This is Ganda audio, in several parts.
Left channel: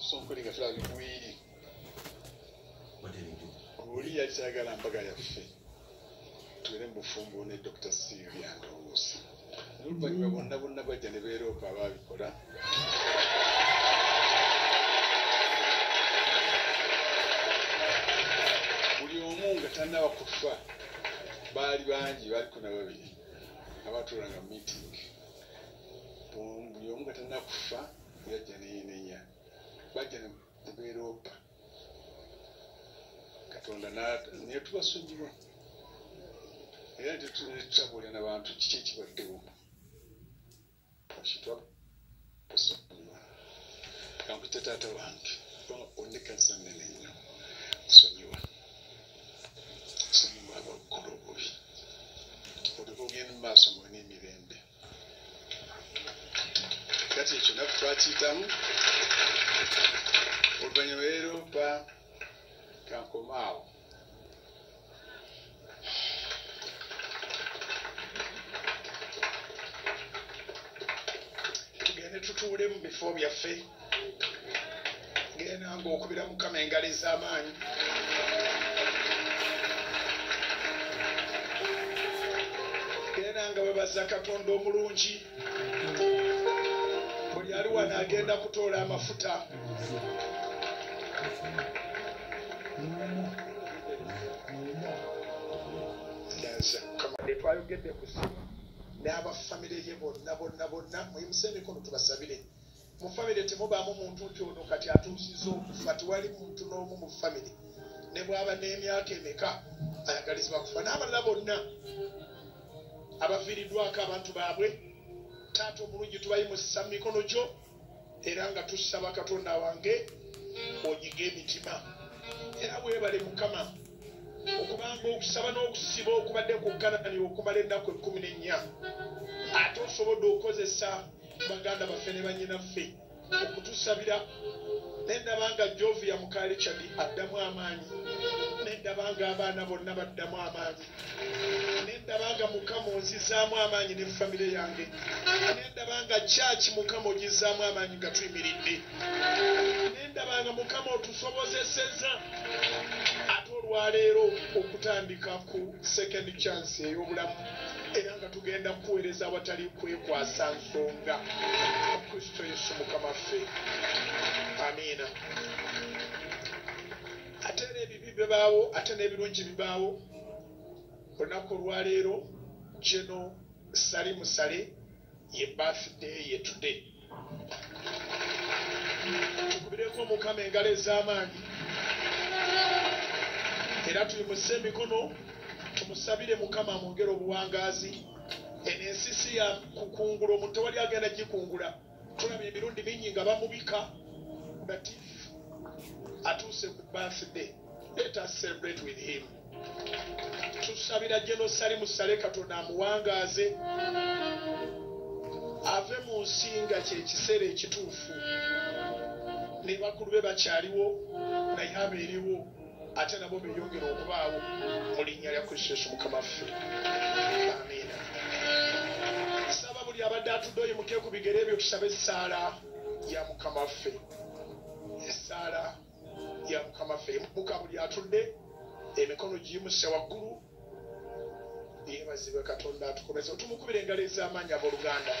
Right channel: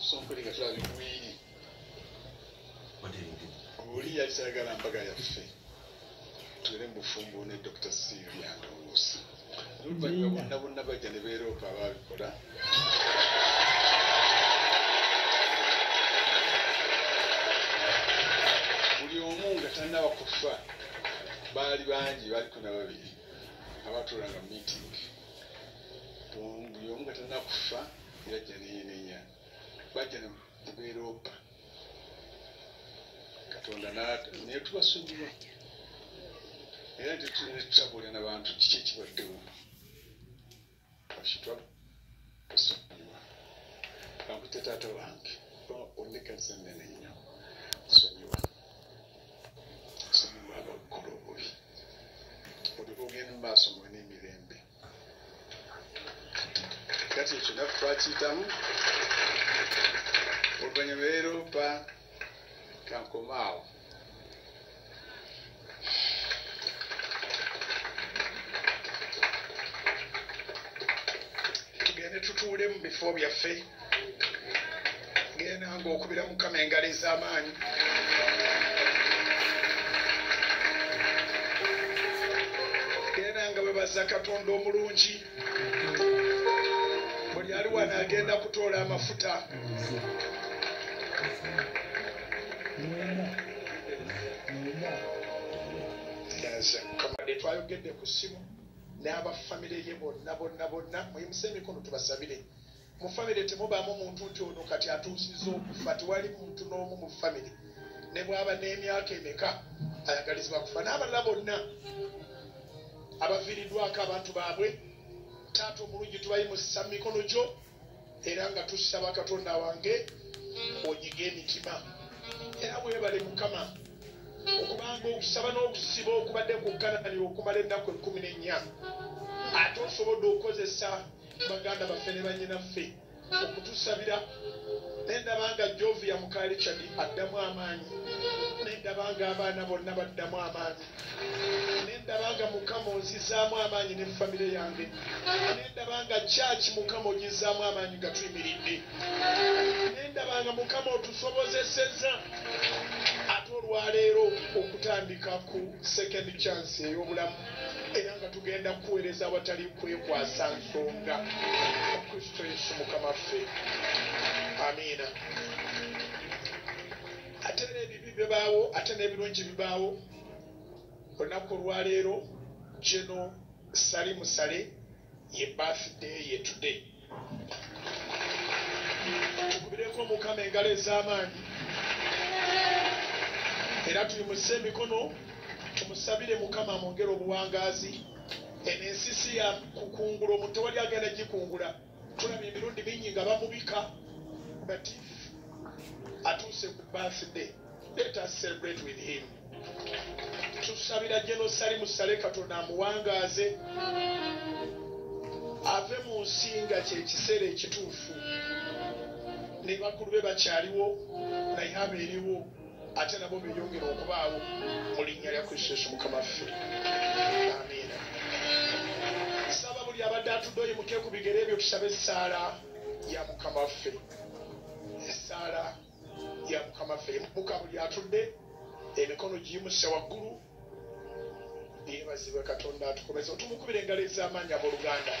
Something that we yachagala mpaga yaffe tule mufumbo ne Dr. Sylvia Ndowooza n'oluvannyuma bonna bajja ne beeroopa abaabikola buli omu nga tannaba kufa baali bangi baliko na babiri abaatuulanga mu meeting buli omu nga tannaba kufa yajja neyenenya bajja ne beeroopa Katonda naye tubasonyiwa era tetutabuulira n'abantu kiki ekibaddewo bakitwa basonyiwa kankute taata wange onnekanisa nnene nnyo sonyiwa sonyiwa abakola obubi oliko ogenda mu maaso mwe n'emirembe kati ekyo naffe twakiyitamu oluvannyuma leeroopa kankomaawo tugende tutuule mu bifo byaffe genda nga okubira Mukama engalo ez'amaanyi genda nga webaza Katonda omulungi buli ali wano agenda kutoola amafuta kamadde twayogedde ku ssimu n'abafamire ye bonna muyimuse emikono tubasabire mu famire temubaamu muntu nti ono kati atuusizza okufa tewali muntu n'omu mu famire ne bw'aba n'emyaka emeka ayagalizibwa kufa n'abalala bonna abaviiriddwako abantu baabwe taata omulungi tubayimusa mu mikono gyo era nga tusaba Katonda wange onyiga emitima era weebale Mukama okubanga okusaba n'okusiba okubadde ku Kanani okumala ennaku 14 ate osobodde okukozesa baganda baffe ne bannyinaffe okutusabira nendabanga Jovia Mukaali Chadi addamu amaanyi nendabanga abaana bonna baddamu amaanyi nendabanga Mukama ozizaamu amaanyi ne famire yange nendabanga kyaki Mukama ogizaamu amaanyi nga tuyimiridde nendabanga Mukama otusobozesezza ate olwaleero okutandika ku second chance ey'obulamu era nga tugenda kuweereza awatali kwekwasa nsonga Kristo Yesu Mukama ffe amiina ate n'ebibi bibaawo ate n'ebirungi bibaawo olunaku olwaleero geno sali musale ye birthday ye today tukubireko Mukama engalo ez'amaanyi era tuyimuse emikono tumusabire Mukama amwongere obuwangaazi eno ensisi ya kukungula omuntu tewali agenda gikungula tulabye emirundi mingi nga bamubika but atuuse ku birthday let us celebrate with him tusabira Jeno Sali Musale Katonda amuwangaaze ave mu nsi nga kyekiseera ekituufu ne bakulu be bakyaliwo naye abeeriwo ate nabo beeyongera okubaawo mu linnya lya Kristo Yesu Mukama ffe amiina saba buli abadde atudde oyimuke ku bigere ebyo tusabe essaala ya Mukama ffe essaala ya Mukama ffe muka buli atudde emikono giyimuse waggulu yeebazibwe Katonda atukomeze otumukubira engalo ez'amaanyi abooluganda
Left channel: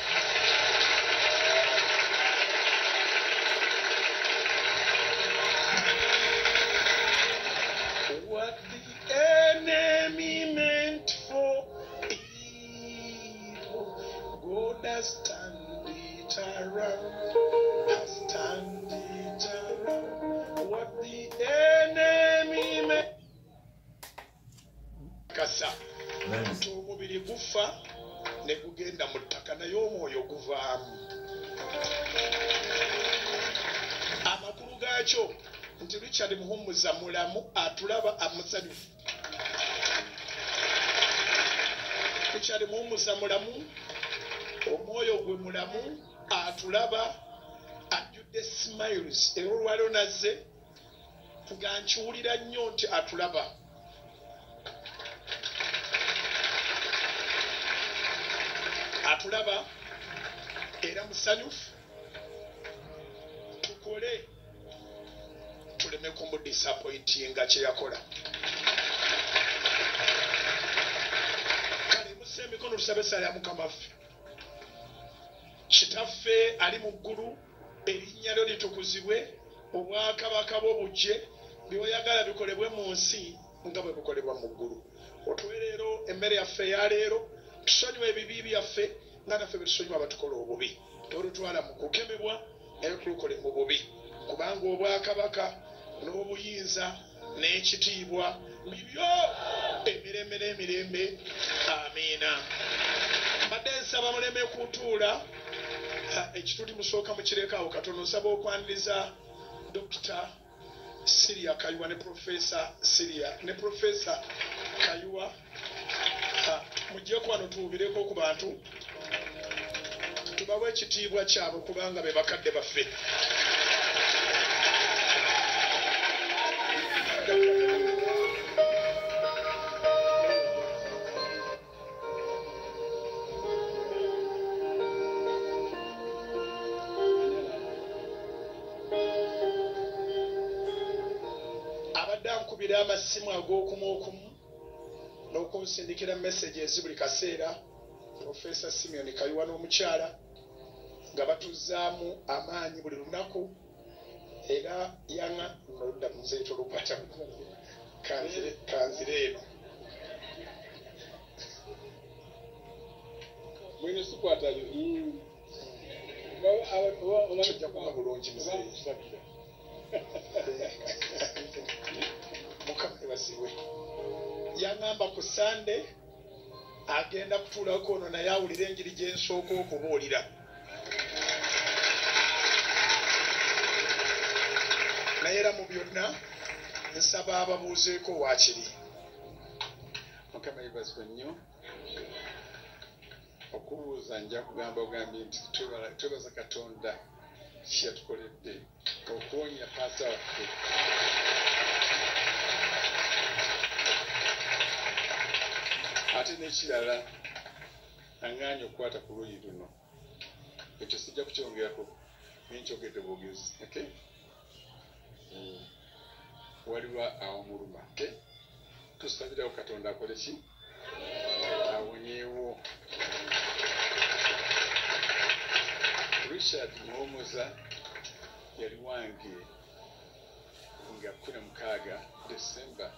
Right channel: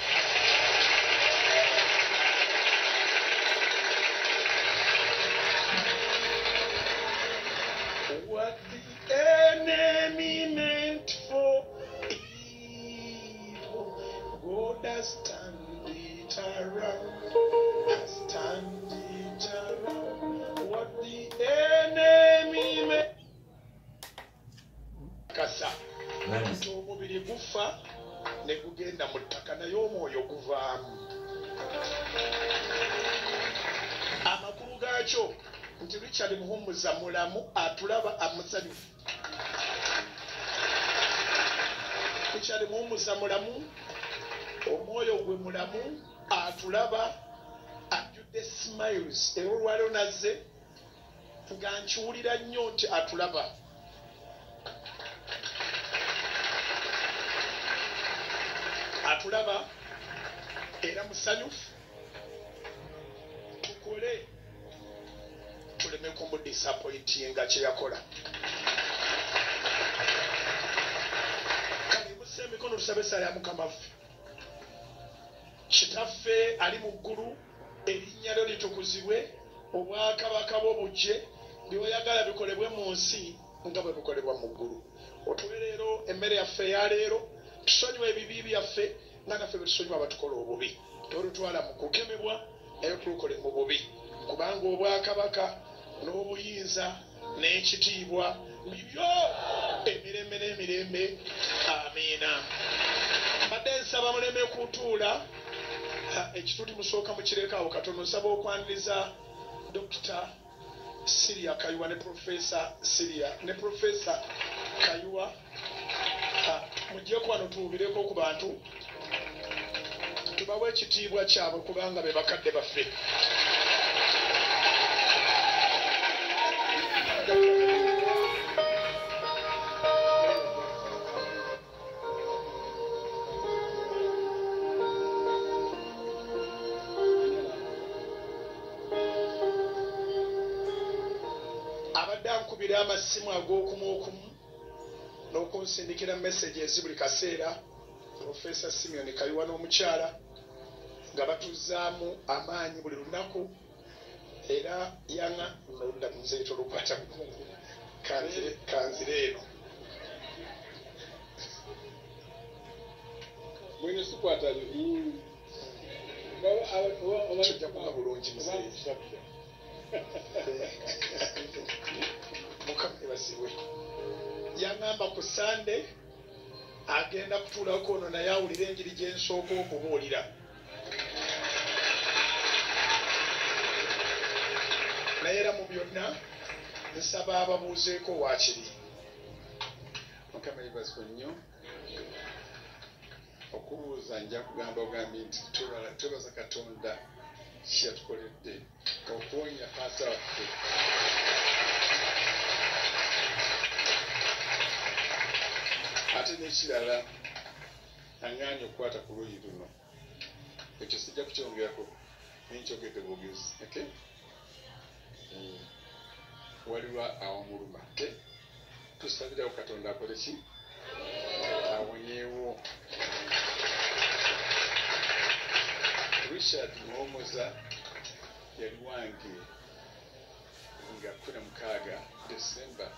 What the enemy meant for evil, God has turned it around, has turned it around. What the enemy meant kasa nti omubiri gufa ne gugenda mu ttaka naye omwoyo guvaamu amakulu gaakyo nti Richard Muhumuza mulamu atulaba amusanyufu Richard Muhumuza mulamu omwoyo gwe mulamu atulaba ajjudde smiles era olwaleero nazze nga nkiwulira nnyo nti atulaba atulaba era musanyufu tukole aleme kumudisappointinga kye yakola. Kale musse emikono tusabe essala ya Mukama waffe. Kitaffe ali mu ggulu, erinnya lyo litukuzibwe, obwakabaka bwo bujje, by'oyagala bikolebwe mu nsi nga bwe bikolebwa mu ggulu. Otuwe leero emmere yaffe eya leero, tusonyiwe ebibi byaffe nga naffe bwe tusonyiwa abatukola obubi. Tolutwala mu kukemebwa naye tulukole mu bubi, kubanga obwakabaka n'obuyinza n'ekitiibwa bibyo emirembe n'emirembe. Amiina. Mbadde nsaba muleme kutuula ekituti musooka mukirekawo katono. Nsaba okwaniriza Dr. Siria Kayiwa ne Professor Siria ne Professor Kayiwa mujjeko wano tuwubireko ku bantu, tubawe ekitiibwa kyabwe kubanga be bakadde baffe. Abadde ankubira amasimu ag'okumu okumu n'okunsindikira messages buli kaseera, Professor Simeon Kayiwa n'omukyala nga batuzaamu amaanyi buli lunaku, era yanga noludda muzeeto lukwata kanzire eno mwene sikwatayo tujja kuba bulungi muzeeyi. Mukama ebazibwe. Yangamba ku Sande agenda kutuulako ono naye awulire enjiri gye nsooka okubuulira. Naye era mu byonna nsaba ababuuzeeko waakiri. Mukama ebazibwe nnyo. Okubuuza nja kugamba ogambye nti twebaza Katonda kye yatukoledde okuwonya paasa waffe. Ate n'ekirala aŋŋaanye okukwata ku luuyi luno, ekyo sijja kukyongerako, nenkyogedde bwogezi. Waliwo awamuluma. Tusabirawo Katonda akole ki? Awonyeewo. Richard Muhumuza yali wange nga 16 December.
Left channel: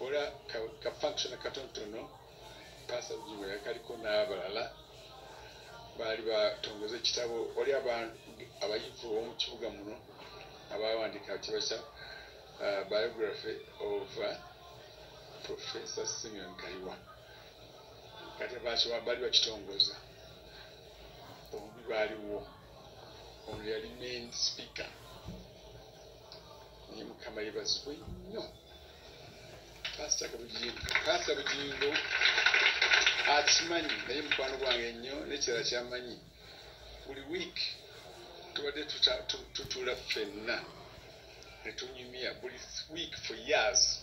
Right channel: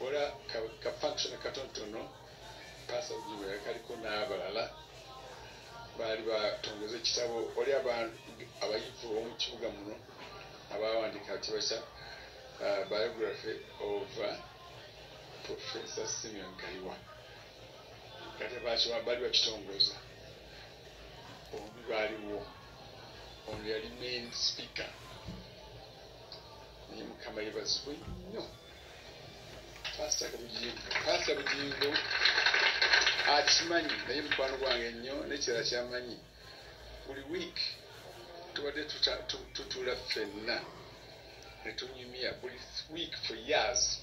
Ola ka function katonotono Pastor Bujjingo yakaliko n'abalala baali batongoza ekitabo. Oli abayivu b'omu kibuga muno abawandiika kibasa biography of Professor Simeon Kayiwa. Kati baali bakitongoza. Bombi baaliwo. Ono yali main speaker. Naye Mukama yebazibwe nnyo. Pastor Bujjingo akimanyi, naye mukwano gwange nnyo n'ekirala kyamanyi. Buli week tubadde tutuula ffenna ne tunyumya. Buli week for years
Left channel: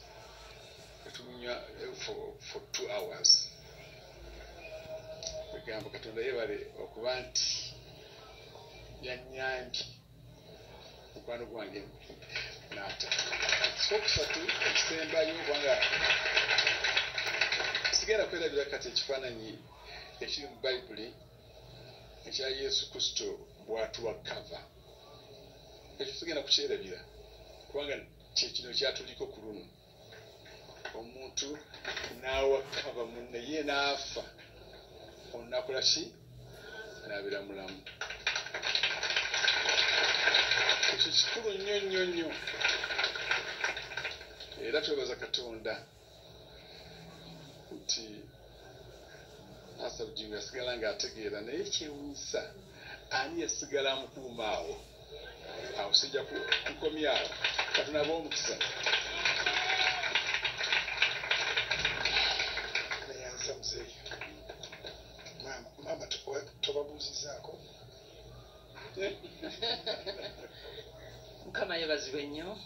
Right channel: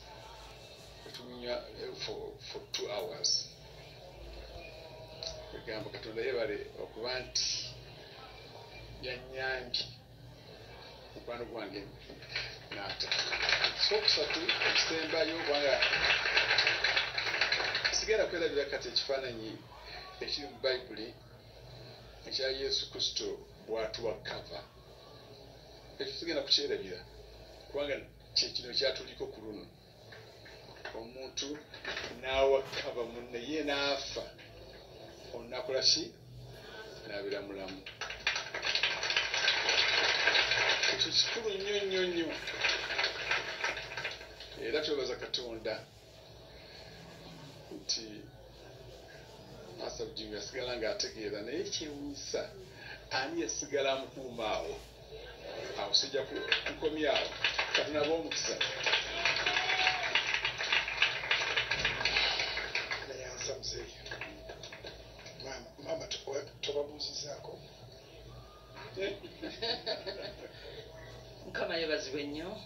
ne tunyumya for 2 hours. Egamba Katonda yebale okuba nti yannyambye mukwano gwange n'ata. Ekisokusatu ekisembayo kubanga sigenda kwerabira kati ekifaananyi ekiri mu Bayibuli ekya Yesu Kristo bw'atuwa kava. Ekyo sigenda kukyerabira kubanga kyekino kyatuliko ku luno. Omuntu n'awa kava munne ye n'afa, onakola ki? N'abeera mulamu. Ekyo kikulu nnyo nnyo nnyo. Era twebaza Katonda nti Pastor Bujjingo yasigala ng'ategeera, naye kyewuunyisa ani yasigala amukuuma awo. Awo sijja kukomya awo. Katonda b'omukisa. Nayanza muzeeyi. Mama tobabuuzizaako. Mukama yebazibwe nnyo.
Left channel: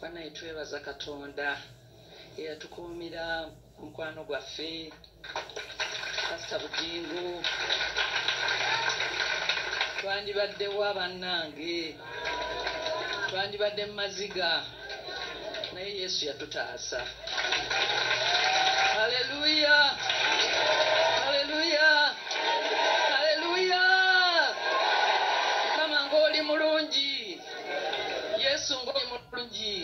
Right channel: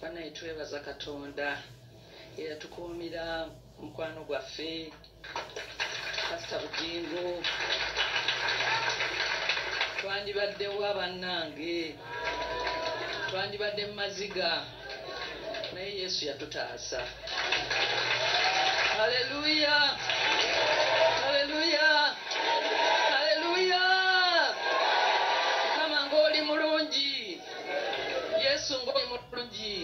Banaye twebaza Katonda eyatukuumira mukwano gwaffe Pastor Bujjingo. Twandibaddewo bannange twandibadde mu maziga naye yesu yatutaasa. Haleluya, haleluya, haleluya. Mukama ng'oli mulungi, yesu ng'oli mulungi.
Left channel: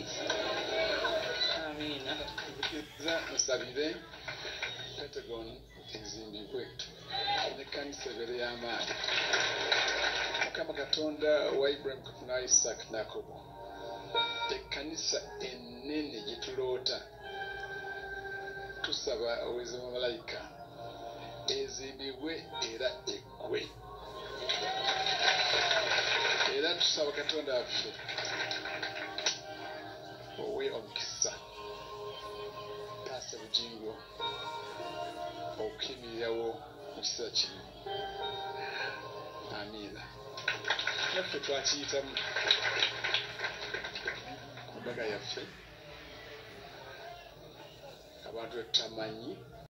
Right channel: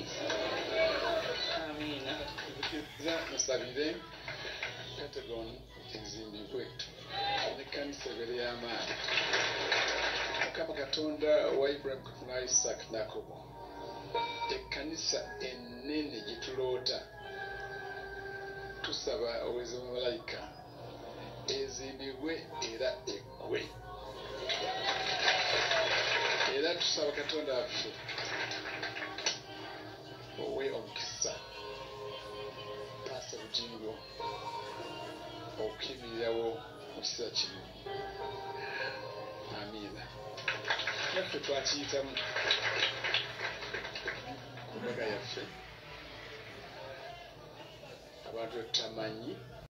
Amiina. Musabire Pentagon ezimbibwe n'ekkanisa ebeere y'amaanyi. Mukama Katonda wa Ibrahim, na Isaac ne Yakobo, ekkanisa ennene gye tuloota, tusaba obuweereza bw'amalayika ezimbibwe era eggwe. Era tusaba Katonda waffe owe omukisa Pastor Bujjingo okuyimirirawo mu kiseera kino. Amiina. Naffe twakiyitamu ku mbaga yaffe abantu tutamanyi